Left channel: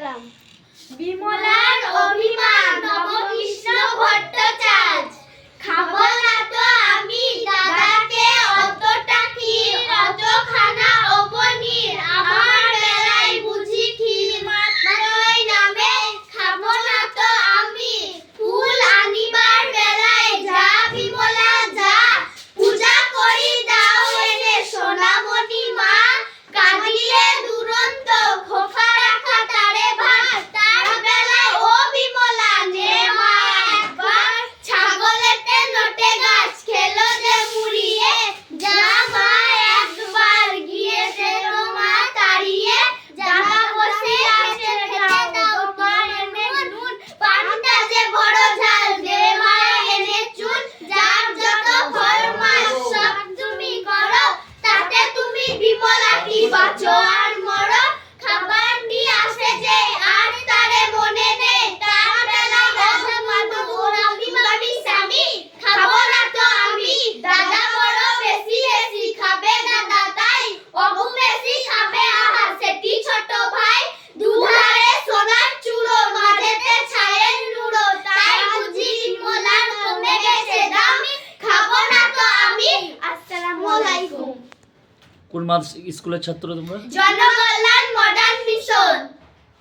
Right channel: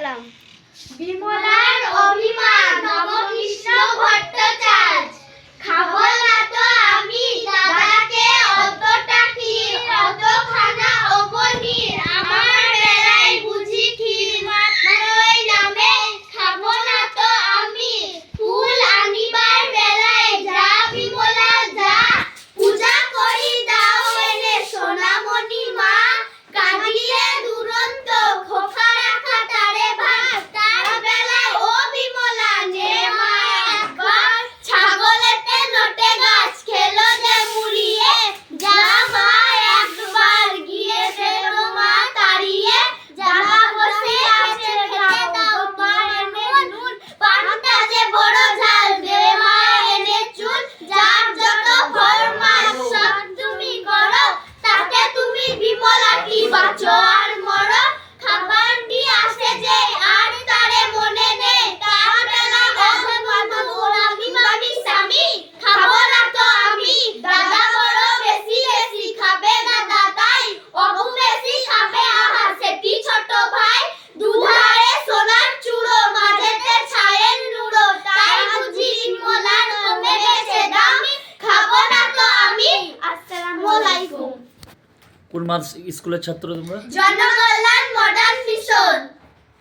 সালাম। বিমলার অভিমান নবকৃষ্ণ ভট্টাচার্য। খাবো না তো আমি দাদাকে অতটা ক্ষীর, অতখানা ও পনির, আমার বেলায় বুঝি ক্ষীর মাত্রই নামে। খাবো না তো আমি ফুল আনিবার বেলায় যা বিমলা যা, পূজা করি দাও এনে সোনামণি মা। কাঁদিলে দুরন্ত খোকা রাখা তারে ভাত, তার বেলায় ও বিমলা নে মা একবার। ছাগলেতে নটে গাছ খেলো যে মুড়িয়ে, যা মা একবার গিয়েছে তো মা তাড়িয়ে। যাহা বসে খেতে খেতে দাও তোমার নুন, পানটা যে বড় ঝাল দে মা এনে চুন। যার যত ফরমাস সব তুমি করো, তাতে তুমি বিমলা কি বাঁচো আর মরো। খাবার নিয়ে আসে যে আর তারে মনে নেই, তার বেলায় আমি স্বামী। খাবো না তো আমি দাদা বড় বেশি বেশি খাবে দাদা তাই, অগু বেশি খাবে আহা সেটি ছোট ভাই। দুধারে সোনার চূড়ো মাঝেতে ছায়ের নুড়ো, তাই বুঝি বিমলার কমে গেছে দামি। খাবো না তো আমি। আসসালামু আলাইকুম। কোন স্কুলের ছাত্র তোমরা? Janakalyan modern mission.